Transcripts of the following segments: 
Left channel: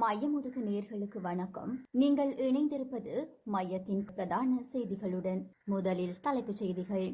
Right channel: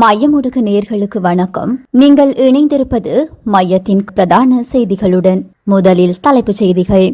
மையமுடுகு நேர்களுக்கு வணக்கம். நீங்கள் இணைந்திருப்பது மையத்தின் பிரதான செய்திகளுடன். முதலில் தலைப்புச் செய்திகள்.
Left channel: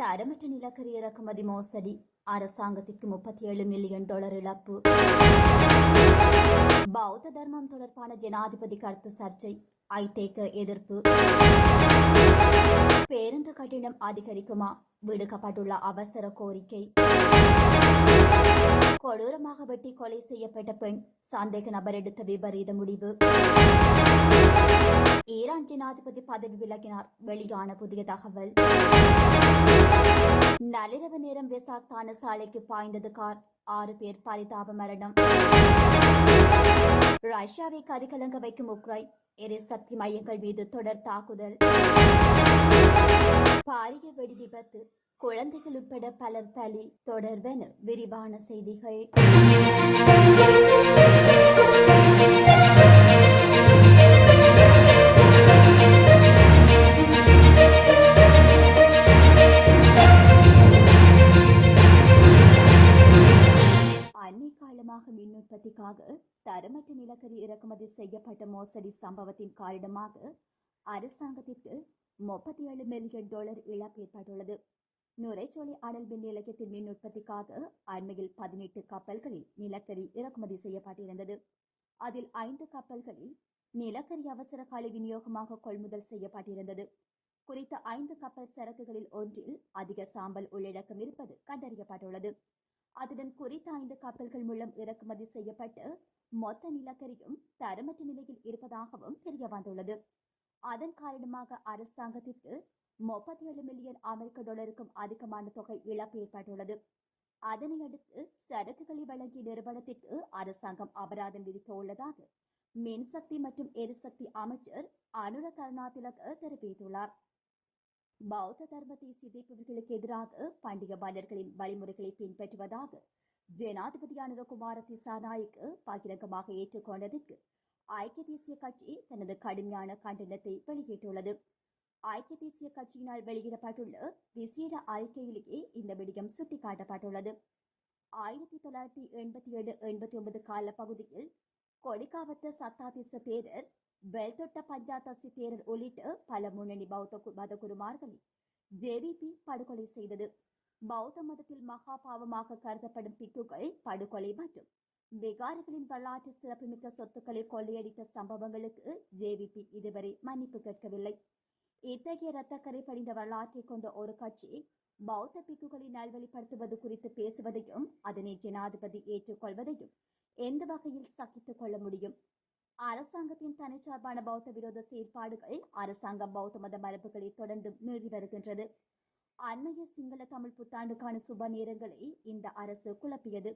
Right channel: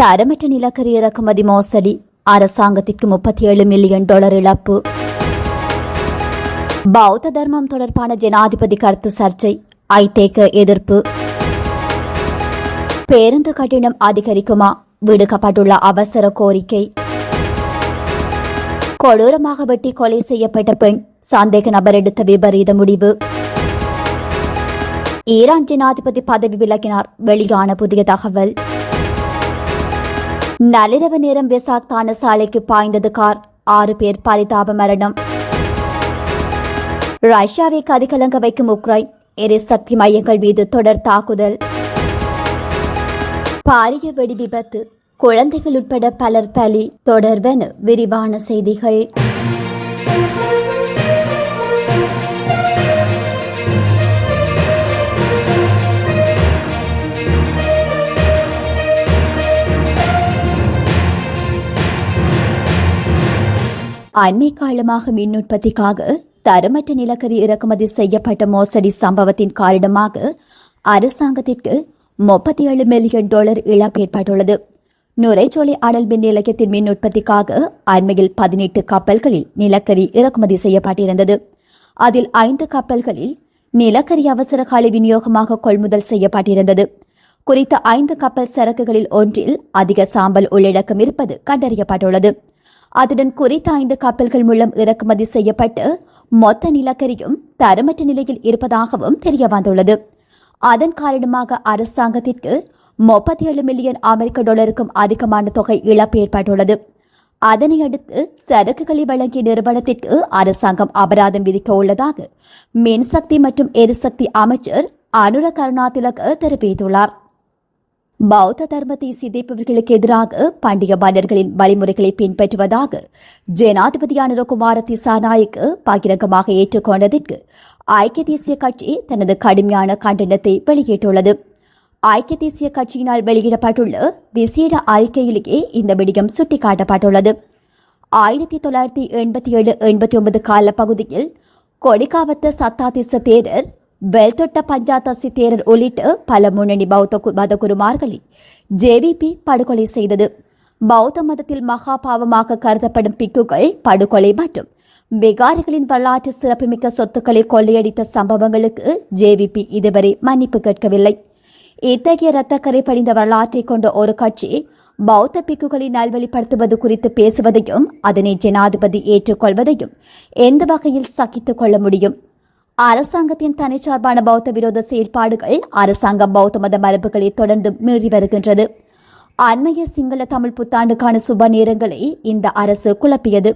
தரமற்ற நிலக்கரி இறக்குமதி மோசடி, அரசாங்கத்திற்கு $37 மில்லியன் இழப்பு. பௌத்த தர்மம் தொடர்பான ஜனாதிபதி கருத்து சர்ச்சை, ஐதேக எதிர்ப்பு. பேருந்து கட்டணம் அதிகரிக்குமா, விடுக்கப்பட்டுள்ள அவசர கோரிக்கை. கொடூரமாக வெட்டி கொலை செய்யப்பட்ட பெண், சந்தேக நபர் எடுத்த விபரீத முடிவு. ஈரான் ஜனாதிபதி பதவி விலகினார், வெளியான புதிய தகவல். நள்ளிரவு நேரம் வெசாக் தான சாலைக்கு பாய்ந்தது கார், 6 பேர் பரிதாப மரணம். ரஷ்யாவை கதிகலங்க வைக்கும் உக்ரைன், எரிசக்தி மையங்கள் மீது தொடர் தாக்குதல். பாரிய வெடி விபத்து, குழந்தைகள் உட்பட பலர் பலி. தொடர்பென விரிவான செய்திகள். அண்மை காலமாக மின் உற்பத்திக்காக தரமற்ற நிலக்கரி இறக்குமதி செய்யப்பட்ட மோசடி சம்பவத்தின் காரணமாக அரசாங்கத்திற்கு $37 மில்லியன் இழப்பு ஏற்பட்டுள்ளது. நுரைச்சோலை அனல் மின் நிலையத்தின் மின் உற்பத்திக்காக அண்மையில் 18 கப்பல்களில் நிலக்கரி இறக்குமதி செய்யப்பட்டிருந்தது. அதில் 5 கப்பல்களில் நிலக்கரி அவசர கால விநியோகமாக கொள்முதல் செய்யப்பட்டிருந்தது. குறித்த 5 கப்பல் சரக்குகளில் ஒன்றில் அதிக சாம்பல் உள்ளடக்கம் இருப்பது கண்டறியப்பட்டுள்ளது. அதுடன் குறித்த 5 கப்பல்கள் மூலம் இறக்குமதி செய்யப்பட்டு மொத்த நிலக்கரியும் தரமற்ற நிலையில் இருப்பதாகவும் தெரியவந்துள்ளது. அதன் காரணமாக அரசாங்கத்திற்கு $37 மில்லியன் அமெரிக்க அதிகமான தொகை இழப்பு ஏற்பட்டுள்ளது. அதனை அடுத்து சரக்குகளை வழங்கிய நிறுவனத்திற்கு அரசாங்கம் அபராதம் விதிக்க உள்ளதாக மின்சக்தி மற்றும் எரிசக்தி அமைச்சர் அனுர கருணாதிலக தெரிவித்துள்ளார். பௌத்த தர்மத்தை சிதைப்பவர்களுக்கு எதிராக பண்டிக மன்னர்களின் வழிமுறைகளை பின்பற்றுவதாக ஜனாதிபதி அனுரகுமார திசாநாயக்கு பகிரங்கமாக ஏற்றுக்கொண்டதற்கு ஐக்கிய தேசிய கட்சி தனது கடுமையான கண்டனத்தை வெளியிட்டுள்ளது. ஐக்கிய தேசிய கட்சியினால் வெளியிடப்பட்டுள்ள விசேட அறிக்கையிலேயே இந்த விடயம் சுட்டிக்காட்டப்பட்டுள்ளது. 1987-89 கால பகுதியில் கொடிகாவத்த சத்தாதிச தேரர், வெல்தொட்ட பஞ்சாதசி தேரர் உள்ளிட்ட பல முன்னணி பௌத்த மதகுருமார்களை ஜேவிபி படுகொலை செய்தது. பௌத்த மதத்தில் மகா பாவமாக கருதப்படும் பிக்குகள் படுகொலை மற்றும் விகாரிகளின் வரலாற்று சிறப்புமிக்க சொத்துக்களை கொள்ளையடித்த சம்பவங்களுக்கு ஜேவிபி இதுவரை மன்னிப்பு கேட்கவில்லை. இத்தகைய இரத்தக்கரை படிந்த வரலாற்றை கொண்ட ஒரு கட்சி பௌத்த பிக்குகளை நல்வழிப்படுத்துவது குறித்து பேசுவதையும் அதனை ஜனாதிபதி ஏற்றுக்கொள்வதையும் எந்த வகையில் சகித்துக் கொள்ள முடியும்? அரசாங்கத்தின் தனிச்சார்பான பௌத்த விரோத செயல்பாடுகள் அரசாங்கம் பௌத்த மத மரபுகளை தொடர்ந்து மீறி வருகின்றது. அண்மைய சிங்கள தமிழ் புத்தாண்டுக்கான சுப நேரங்களை இந்த அரசு குழப்பியது.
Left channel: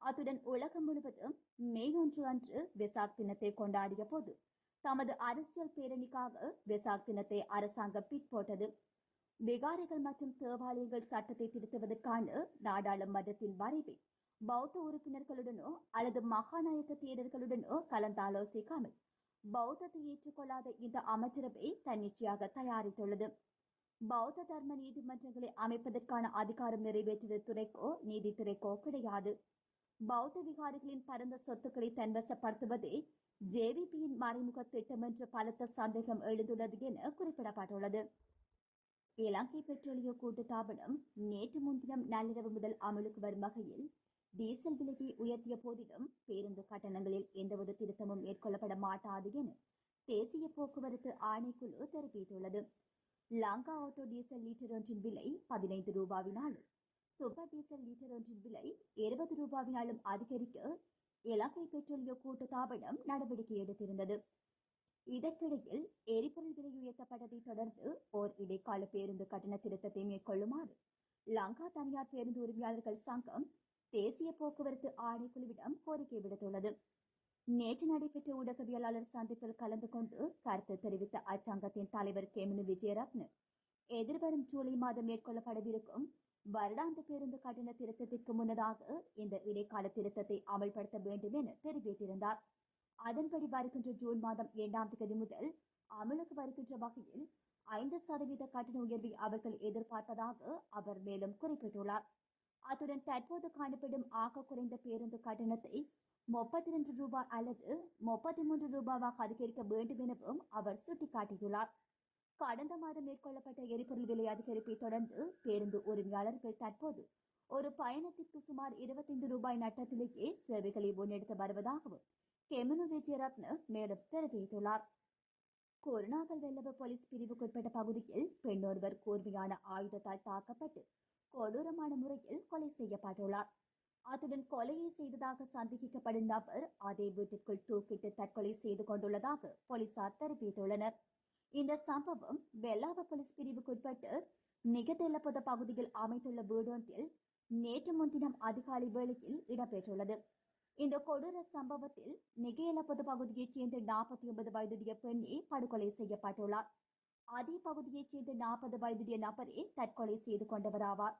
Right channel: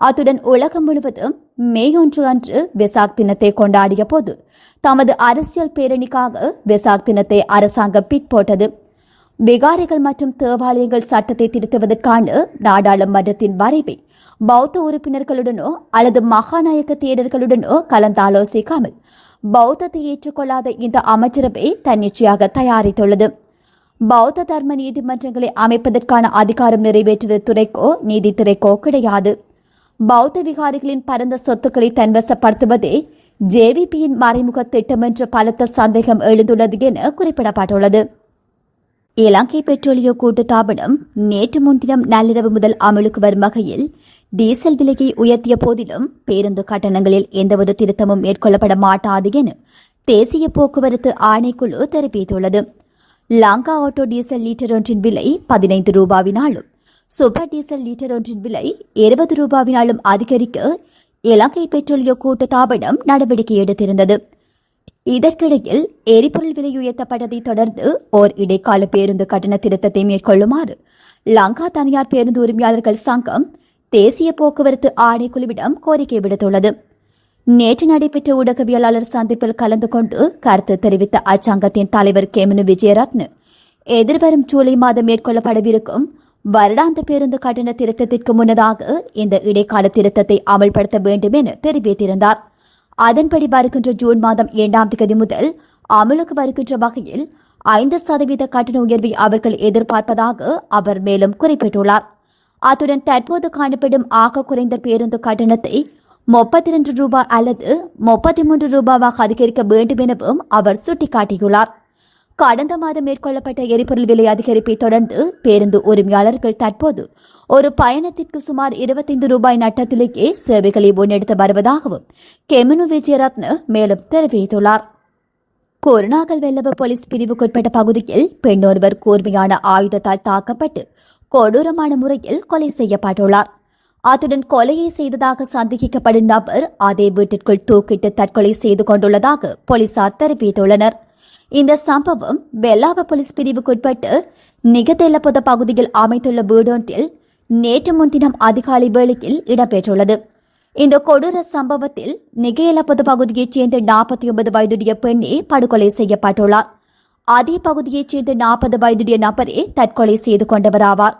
அத்துடன் உலகம் முழுவதும் மே 1 அன்று வெசாக் தினத்தை கொண்டாடிய போது தமது அரசியல் பேரணிக்காக வெசாக் தினத்தை அரசாங்கம் பிற்போட்டது. விகாரிகள் மற்றும் தேவாலயங்கள் சட்டத்தை திருத்துவதற்கான நாடாளுமன்றத்தின் வரைவை பௌத்த உறுப்பினர்களுடனோ அல்லது மகாநாயக்க தேரர்களுடனோ கலந்தாலோசிக்காமல் பௌத்தத்தை ஏற்றுக்கொள்ளாத இந்த அமைச்சரவை தன்னிச்சையாக தயாரித்துள்ளது. பௌத்த தர்ம நீதிமன்றங்களை அமைப்பதற்கான அதிகாரம் நிறைவேற்றுவது துறைக்கோ நீதித்துறைக்கோ கிடையாது. பௌத்த விகாரிகளின் பரந்த சொத்துக்களை தன்வசப்படுத்துவதே ஜேவிபியின் மறைமுக திட்டம் என்ற பலத்த சந்தேகம் எழுந்துள்ளது என குறிப்பிடப்பட்டுள்ளது. இலங்கை பெட்ரோலிய கூட்டுத்தாபனம் நேற்று முன்தினம் நள்ளிரவு முதல் அமலுக்கு வரும் வகையில் டீசல் விலையை உயர்த்திய போதிலும் பேருந்து கட்டணங்களில் எந்தவொரு திருத்தமும் மேற்கொள்ளப்பட மாட்டாது என தேசிய போக்குவரத்து ஆணைக்குழு தெரிவித்துள்ளது. லங்கா ஆட்டோ டீசல் லீட்டர் ஒன்றின் விலை $15 சூப்பர் டீசல் லீட்டர் ஒன்றின் விலை $20 அதிகரிக்க இலங்கை பெட்ரோலிய கூட்டுத்தாபனம் நடவடிக்கை எடுத்திருந்தது. இதற்கிடையில் எரிபொருள் விலை உயர்த்தப்பட்டதை தொடர்ந்து ஓர் இடைக்கால பேருந்து கட்டண திருத்தத்தை மேற்கொள்ளுமாறு லங்கா தனியார் பேருந்து உரிமையாளர்கள் சங்கம் தேசிய போக்குவரத்து ஆணைக்குழுவிடம் கோரிக்கை விடுத்துள்ளது. நேற்று நடைபெற்ற ஊடகவியலாளர் சந்திப்பில் கலந்து கொண்டு கருத்து தெரிவித்த அச்சங்கத்தின் தலைவர் கேமனு விஜயரத்ன எதிர்வரும் ஜூலை மாதம் மேற்கொள்ளப்படவிருக்கும் வருடாந்த பேருந்து கட்டண திருத்தத்திற்கு முன்னதாக இந்த இடைக்கால திருத்தத்தை அமல்படுத்த வேண்டும் என தெரிவித்திருந்தார். அதன்படி வருகின்ற ஜூன் மாதம் 2ஆம் தேதி முதல் அமலுக்கு வருகின்ற வகையில் 5% கட்டண உயர்வை அவர்கள் எதிர்பார்ப்பதாக அவர் மேலும் குறிப்பிட்டுள்ளார். அத்துடன் தற்போது காணப்படும் ஆக குறைந்த பேருந்து கட்டணத்தை ரூபாய் அல்லது 33 ரூபாவாக அதிகரிக்க வேண்டும் எனவும் அவர் சுட்டிக்காட்டியுள்ளார். கடந்த மாதம் மேற்கொள்ளப்பட்ட எரிபொருள் விலை அதிகரிப்பை தொடர்ந்து பேருந்து உரிமையாளர்கள் தற்போது ஒரு பயணத்திற்கு சுமார் 25 ரூபாய் நட்டத்திலேயே சேவைகளை முன்னெடுத்து வருவதாகவும் கெமினு விஜயரத்ன மேலும் தெரிவித்துள்ளார். கொரோனாகல் வெள்ளவ போலீஸ் பிரிவுக்குட்பட்ட பகுதியில் பெண் ஒருவர் கூர்மையான ஆயுதத்தால் தாக்கப்பட்டு கொடூரமான முறையில் கொலை செய்யப்பட்டுள்ளார். அத்துடன் கொலையை செய்ததாக சந்தேகிக்கப்படும் நபர் அதே வீட்டிற்குள் தூக்கிட்டு தற்கொலை செய்து கொண்டுள்ளதாக போலீசார் தெரிவித்துள்ளனர். இந்த சம்பவம் வெள்ளாவ போலீஸ் பிரிவுக்குட்பட்டு நிகதெல்லபொத பகுதியில் அமைத்துள்ள வீடொன்றில் நேற்று முன்தினம் அதிகாலை வேளையில் இடம்பெற்றுள்ளது. இந்த கொடூர சம்பவத்தில் நிகேலபொத பகுதியைச் சேர்ந்த 49 வயதுடைய பெண்ணே படுகொலை செய்யப்பட்டுள்ளார். அதே பகுதியைச் சேர்ந்த 40 வயதுடைய நபரே தற்கொலை செய்து கொண்டவராவார்.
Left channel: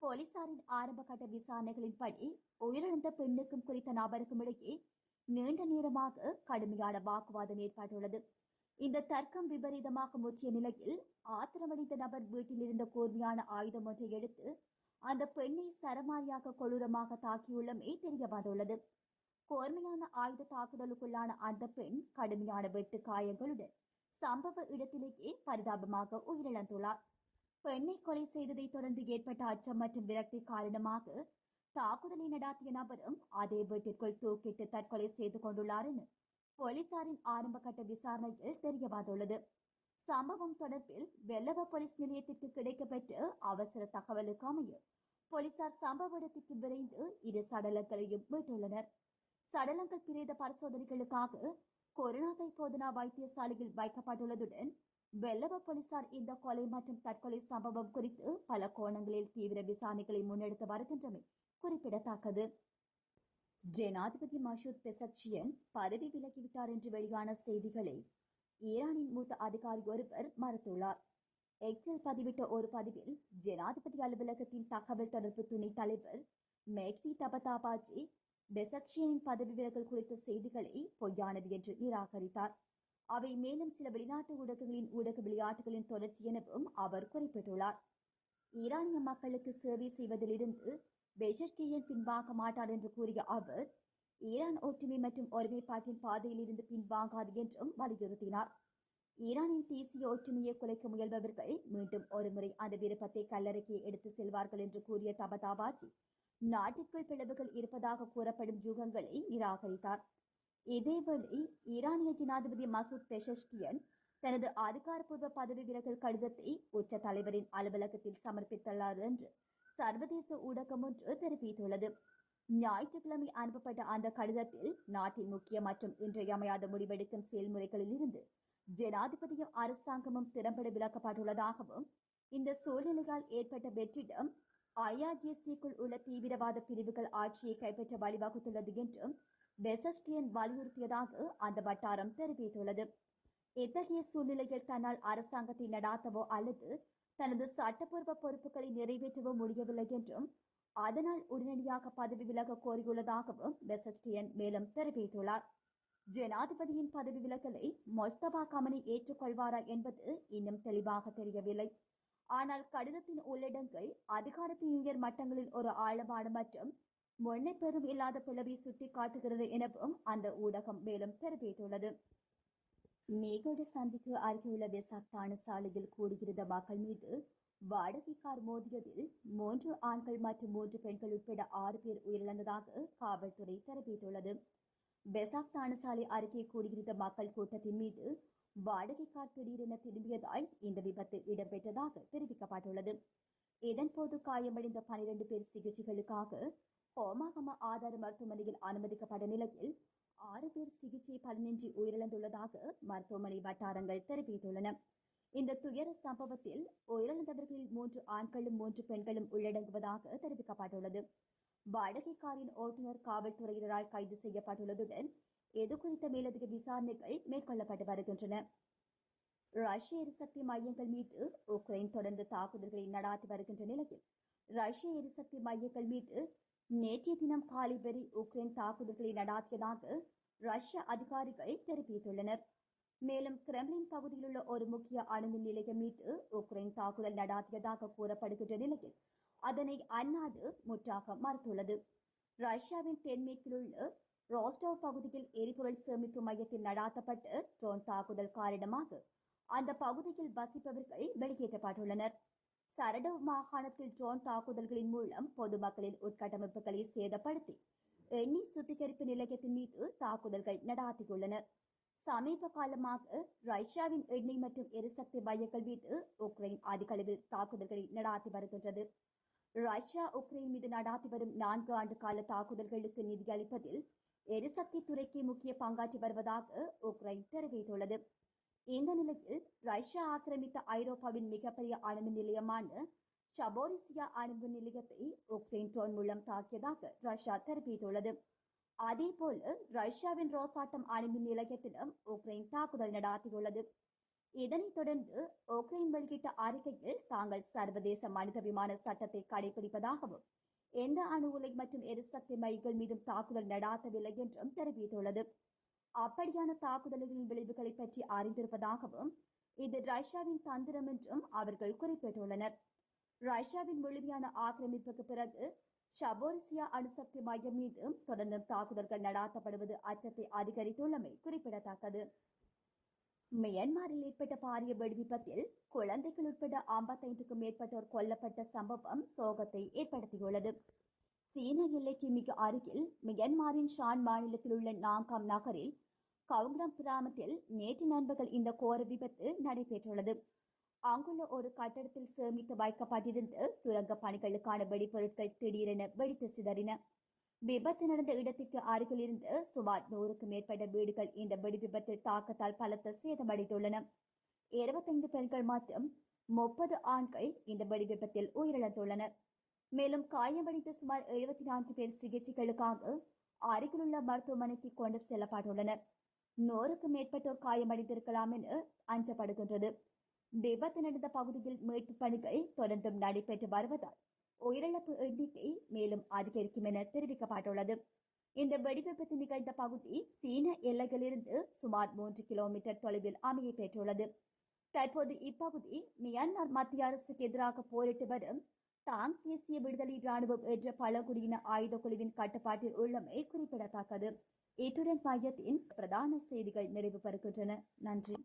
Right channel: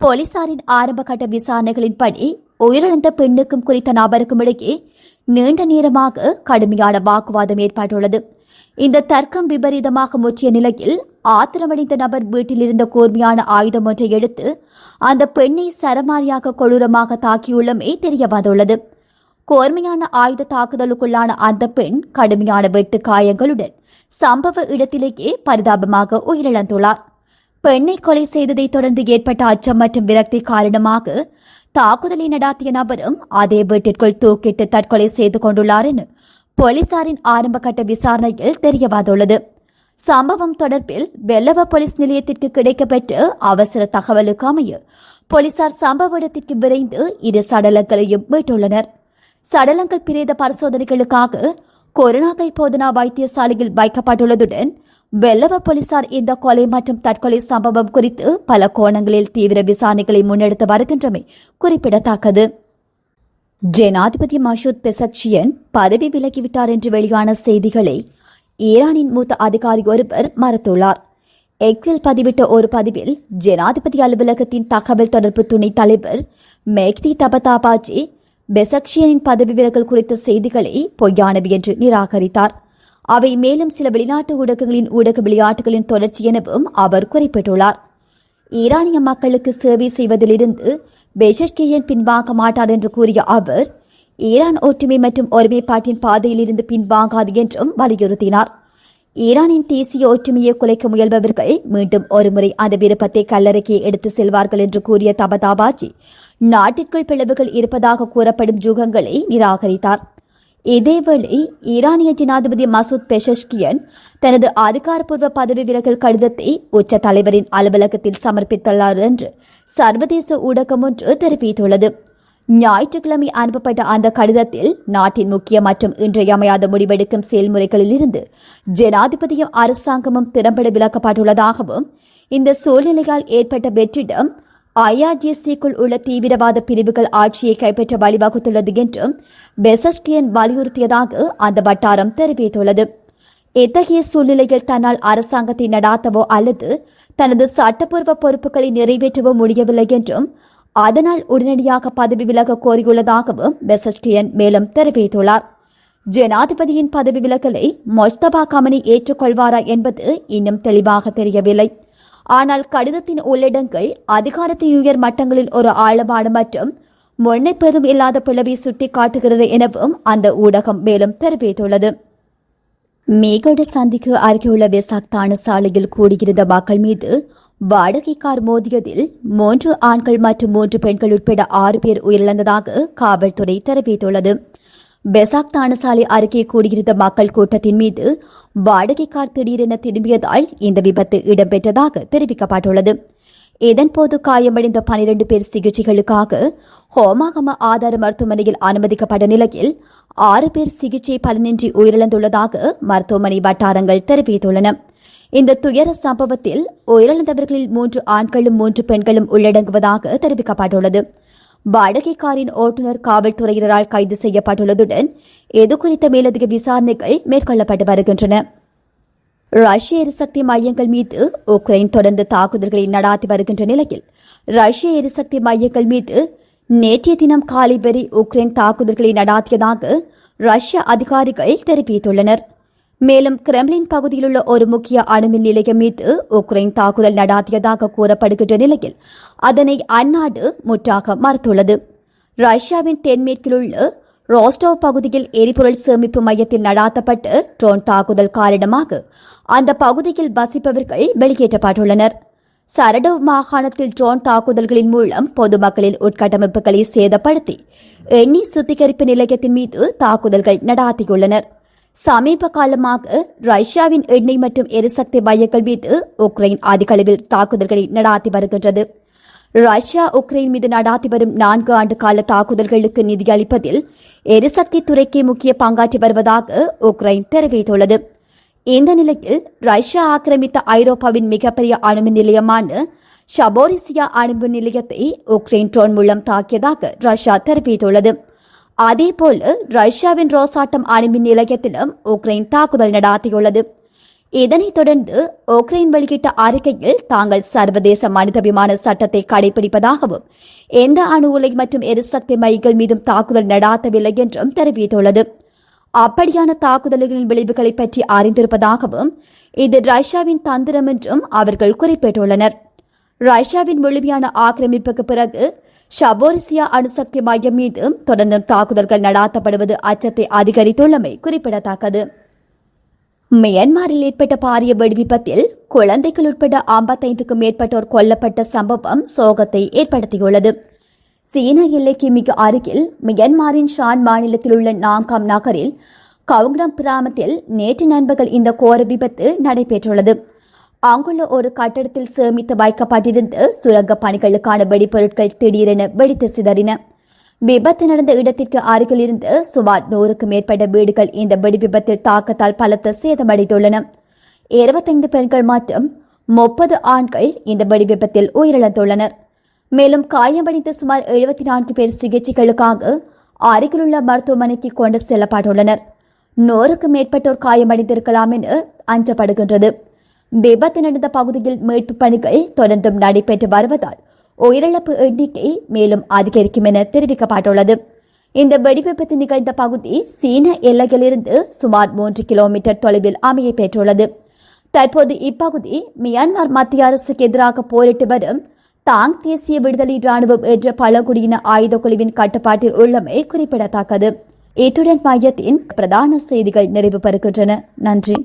போலீசாரின் ஆரம்பகட்ட விசாரணைகளின்படி உயிரிழந்த பெண்ணுக்கும் குறித்த நபருக்கும் இடையே நீண்ட நேரமாக கடுமையான வாக்குவாதம் ஏற்பட்டுள்ளது. இந்த தர்க்கம் விபரீதமாக முற்றிய நிலையில் ஆத்திரமடைந்த நபர் வீட்டில் இருந்த கூர்மையான ஆயுதம் ஒன்றை எடுத்து அந்த பெண்ணை சரமாரியாக கொடூரமாக தாக்கியுள்ளமே தெரிய வந்துள்ளது. கூர்மையான ஆயுத தாக்குதலுக்குள்ளான அந்த பெண் கடுமையான வெட்டு காயங்களுடன் சம்பவ இடத்திலேயே பரிதாபமாக உயிரிழந்துள்ளார். பெண்ணை கொலை செய்ததை தொடர்ந்து ஏற்பட்ட அச்சம் மற்றும் விரக்தி காரணமாக தாக்குதலை நடாத்திய நபரும் அதே வீட்டிற்குள் தூக்கிட்டு தற்கொலை செய்து கொண்டுள்ளார் என போலீசாரின் ஆரம்பகட்ட விசாரணையில் தெரிய வந்துள்ளது. சம்பவம் தொடர்பில் வெள்ளவ போலீஸ் நிலையத்திற்கு கிடைக்கப்பெற்ற அவசர தகவலுக்கு அமைய போலீசார் சம்பவ இடத்திற்கு விரைந்து 2 சடலங்களையும் மீட்டுள்ளனர். சடலங்கள் பிரேத பரிசோதனைகளுக்காக கொரோனாக்கள் போதனா வைத்தியசாலையில் வைக்கப்பட்டுள்ளதுடன் வெள்ளவ போலீசார் இந்த கொலை மற்றும் தற்கொலை சம்பவம் குறித்து பல கோணங்களில் தீவிர விசாரணைகளை முன்னெடுத்து வருகின்றமை குறிப்பிடத்தக்கது. ஜனாதிபதி மசூத் பெசக்ஷியன் பதவி விலகிவிட்டார் என்று வெளியான செய்திகளை ஈரானின் மூத்த அதிகாரி ஒருவர் மறுத்துள்ளார். எக்ஸில் பதிவிட்ட ஒரு பதிவில் ஜனாதிபதி அலுவலகத்தின் தகவல் தொடர்பு துணைத் தலைவர் மெஹ்தி தபதாபாஜி பெசக்ஷியனின் பதவி விலகல் குறித்த செய்திகளை பொய்யானவை என்று நிராகரித்தார். அவை மேலும் சில வெளிநாட்டு ஊடகங்களின் ஊடக விளையாட்டுகளின் தொடர்ச்சி எனவும் அவர் குறிப்பிட்டுள்ளார். ஈரானிய மக்களுக்கு சேவை செய்வதிலிருந்து பெசக்ஷியன் பின்வாங்க மாட்டார் என்று கூறிய அவர் ஈரான் ஒற்றுமை மற்றும் ஒருமைப்பாட்டின் பாதையில் இருந்து பின்வாங்காது என்றும் வலியுறுத்தினார். ஈரானின் தேசிய ஒற்றுமையை குலைக்க முயல்பவர்கள் மீண்டும் ஒருமுறை அந்த விருப்பத்தை கல்லறைக்கு எடுத்து செல்வார்கள் என்று கூறிய தபதாபாஜி நாட்டிற்குள் பிளவுகள் இருப்பதாக கூறப்படும் யூகங்களை நிராகரித்தார். இதேவேளை ஈரானிய ஜனாதிபதி மசூத் பெசஷ்கியன் தனது அதிகாரப்பூர்வ பதவி விலகல் கடிதத்தை உச்ச தலைவரின் அலுவலகத்தில் சமர்ப்பித்துள்ளார் என்று சர்வதேச ஊடகம் ஒன்று தெரிவித்துள்ளது. ஞாயிற்றுக்கிழமை அனுப்பப்பட்ட அந்த கடிதத்தில் நாட்டின் முக்கிய மற்றும் இன்றியமையாத முடிவெடுக்கும் செயல்முறைகளில் இருந்து ஜனாதிபதியும் அரசாங்கமும் திறம்பட விலக்கப்பட்டுள்ளதாகவும் இந்த சூழ்நிலையால் ஏற்பட்ட வெற்றிடம் ஐஆர்ஜிசிக்குள் உள்ள தீவிரவாத பிரிவுகள் ஆட்சியை கைப்பற்ற வழிவகுத்துள்ளது என்றும் பெசஷ்கியன் வலியுறுத்தியதாக அந்த வட்டாரம் தெரிவித்துள்ளது. இத்தகைய சூழ்நிலையில் தன்னால் அரசாங்கத்தை நடாத்தவோ அல்லது தனது சட்டப்பூர்வ பொறுப்புகளை நிறைவேற்றவோ முடியவில்லை என்றும் அதனால் உடனடியாக பதவி விலக கோரியுள்ளதாகவும் பெசஷ்கியன் மேலும் தெரிவித்துள்ளார். ஜனாதிபதியின் பதவி விலகலை மொஸ்தபா கமனி ஏற்றுக்கொள்வாரா என்பது இன்னும் தெளிவாக தெரியவில்லை. ஆனால் கடிதத்தின் உள்ளடங்கள் அதிகாரத்தின் உயர் மட்டங்களில் ஒரு ஆழமான மற்றும் முன்னெப்பதும் இல்லாத பிளவை சுட்டிக்காட்டுகிறது எனவும் அந்த ஊடகம் மேலும் தெரிவித்துள்ளது. மேகோட சந்திக்கு அருகேயுள்ள வெசாக் தான சாலையில் கூடியிருந்த மக்கள் மீது வாடகை கார் மோதியதில் 3 ஆண்கள் மற்றும் 3 பெண்கள் உட்பட 6 பேர் உயிரிழந்ததாக காவல்துறை தெரிவித்துள்ளது. வெசாக் தானசாலை அருகே கூடியிருந்த மக்கள் கூட்டத்தின் மீது வாடகை கார் திடீரென திரும்பியதால் இந்த விபத்து இடம்பெற்றதாக தெரிவிக்கப்பட்டுள்ளது. இதன்போது காயமடைந்த 12 பேர் சிகிச்சைகளுக்காக ஹோமாகம ஆதார மருத்துவமனையில் அனுமதிக்கப்பட்ட நிலையில் 6 பேர் சிகிச்சை பலனின்றி உயிரிழந்துள்ளதாக மருத்துவமனை வட்டாரங்கள் தெரிவித்துள்ளன. இந்த துயர சம்பவத்தில் உயிரிழந்தவர்களில் 3 ஆண்களும் 3 பெண்களும் உள்ளடங்குவதாக தெரிவிக்கப்பட்டுள்ளது. வாடகை காரின் ஓட்டுநர் காவல்துறையினரால் கைது செய்யப்பட்டுள்ளதுடன் இதுகுறித்த மேலதிக விசாரணைகள் மேற்கொள்ளப்பட்டு வருகின்றன. ரஷ்ய எரிசக்தி மையங்கள் மீது உக்ரைன் தொடர்ந்து தாக்குதல்களை நடாத்தி வருகின்ற நிலையில் ரஷ்ய எரிசக்தி மையங்கள் மீது நேற்றைய தினம் காலை வரை உக்ரைன் தாக்குதல்களை நடாத்தியதாக ரஷ்ய அதிகாரிகள் தெரிவித்துள்ளனர். மேலும் கிரெம்லின் பகுதியில் உள்ள ஒரு முக்கிய அணுமின் நிலையம் மீது உக்ரைன் தாக்குதல் நடாத்தியதாக கூறப்படுகின்ற நிலையில் அதனை அந்நாடு முற்றாக மறுத்துள்ளது. ரஷ்யாவின் தென்மேற்கில் உள்ள ரோஸ்டோவ் பகுதியில் எரிபொருள் சேமிப்பு மையத்தில் நடாத்தப்பட்ட ட்ரோன் தாக்குதல் காரணமாக அந்த பகுதியில் வசிப்பவர்கள் வெளியேற்றப்பட்டுள்ளனர். சரடோவ் மாகாணத்தில் ட்ரோன் தாக்குதல்களின் மூலம் பொதுமக்களின் உட்கட்டமைப்புகளை சேதப்படுத்தி எண்ணெய் சுத்திகரிப்பு நிலையத்தின் மீது தாக்குதல்கள் நடாத்தியுள்ளனர். சமீப காலமாக ரஷ்யாவின் எண்ணெய் மற்றும் எரிசக்தி மையங்கள் மீது உக்ரைன் அதிக அளவில் தாக்குதல்களை நடாத்தி வருகின்றது. ரஷ்யா உக்ரைன் மீது நடாத்தி வரும் 4 ஆண்டு கால தாக்குதல்களுக்கு நிதியளிப்பதில் எரிசக்தி துறைக்கு முக்கிய பங்காற்றி வருவதாக உக்ரைன் தெரிவித்துள்ளது. இந்த நிலையில் ரஷ்யா ஆக்கிரமித்த ஐரோப்பாவின் மிகப்பெரிய அணுமின் நிலையமான ஷபோரிசியா அணுமின் நிலையத்தை உக்ரைன் ட்ரோன் மூலம் தாக்கியதாக ரஷ்யா தெரிவித்துள்ளது. அதேபோல் ரஷ்யாவின் ரோசாட்டம் அணுமின் நிலையத்திலும் உக்ரைன் தாக்குதல் நடாத்தியுள்ளது. இதனைத் தொடர்ந்து உக்ரைன் வெளியிட்ட அறிக்கையில் தாங்கள் சர்வதேச மனிதாபிமான சட்டத்தை கடைபிடிப்பதாகவும் எந்த அணு உலை மற்றும் எரிசக்தி மையங்கள் மீதும் தாக்குதல் நடாத்தவில்லை என்றும் தெரிவித்துள்ளது. அப்படியான தாக்குதல்களின் விளைவுகளை பற்றி அறிந்திருப்பதாகவும் இது ரஷ்யாவின் தந்திரம் என்றும் அவர்கள் குறிப்பிட்டுள்ளனர். ரஷ்யாவின் முழுமையான ஆக்கிரமிப்புக்கு பிறகு ஷபோரிசியா அணுசக்தி மையம் மீதும் தொடர்ந்து தாக்குதல்கள் நடாத்தப்படுவது அச்சத்தை அதிகரித்துள்ளமை குறிப்பிடத்தக்கது. மியான்மரில் ஏற்பட்ட பாரிய வெடிவிபத்தில் குழந்தைகள் உட்பட 55க்கும் மேற்பட்டோர் கொல்லப்பட்ட சம்பவம் சோகத்தை ஏற்படுத்தியுள்ளது. சீன எல்லைக்கு மிக அருகில் மியான்மரின் ஷான் மாநிலத்தில் உள்ள நாங்காம் நகரில் கவுங்ரம் கிராமத்தில் நேற்று நண்பகல் இந்த கோர விபத்து நடைபெற்றுள்ளது. அங்குள்ள ஒரு கட்டடத்தில் சேமித்து வைக்கப்பட்டிருந்த சுரங்க பணிகளுக்கான வெடிப்பொருட்கள் திடீரென வெடித்து சிதறின. விபத்து நடந்த இடத்திற்கு அருகில் இருந்து சுமார் 100க்கும் மேற்பட்ட வீடுகள் இந்த வெடி விபத்தில் தாக்கத்தால் பலத்த சேதமடைந்துள்ளன. 25 பெண்கள் மற்றும் 30 ஆண்கள் இந்த வெடி விபத்தில் உயிரிழந்துள்ளனர். மேலும் காயமடைந்த சுமார் 74 பேர் சிகிச்சைகளுக்காக அருகிலுள்ள மருத்துவமனைக்கு கொண்டு செல்லப்பட்டுள்ளனர். 100க்கும் மேற்பட்டோர் காயமடைந்திருக்கலாம் என அஞ்சப்படுகின்றது. விபத்து நடந்த பகுதியில் மீட்பு பணிகள் தொடர்ந்தும் நடைபெற்று வருவதால் உயிரிழப்பு எண்ணிக்கை மேலும் அதிகரிக்கும் என தெரிவிக்கப்பட்டுள்ளது. இந்த வெடிவிபத்து நிகழ்ந்த பகுதி சீன எல்லையிலிருந்து சுமார் 3 கிலோமீட்டர் தொலைவில் அமைய பெற்றுள்ளது. தற்போது இப்பகுதி மியான்மர் மத்திய அரசுக்கு எதிராக போரிட்டு வரும் தாங் தேசிய விடுதலை ராணுவம் என்ற பழங்குடியின ஆயுத குழுவின் கட்டுப்பாட்டில் உள்ளமை குறிப்பிடத்தக்கது. இத்துடன் மையத்தின் பிரதான செய்திகள் நிறைவு பெறுகின்றன. நன்றி.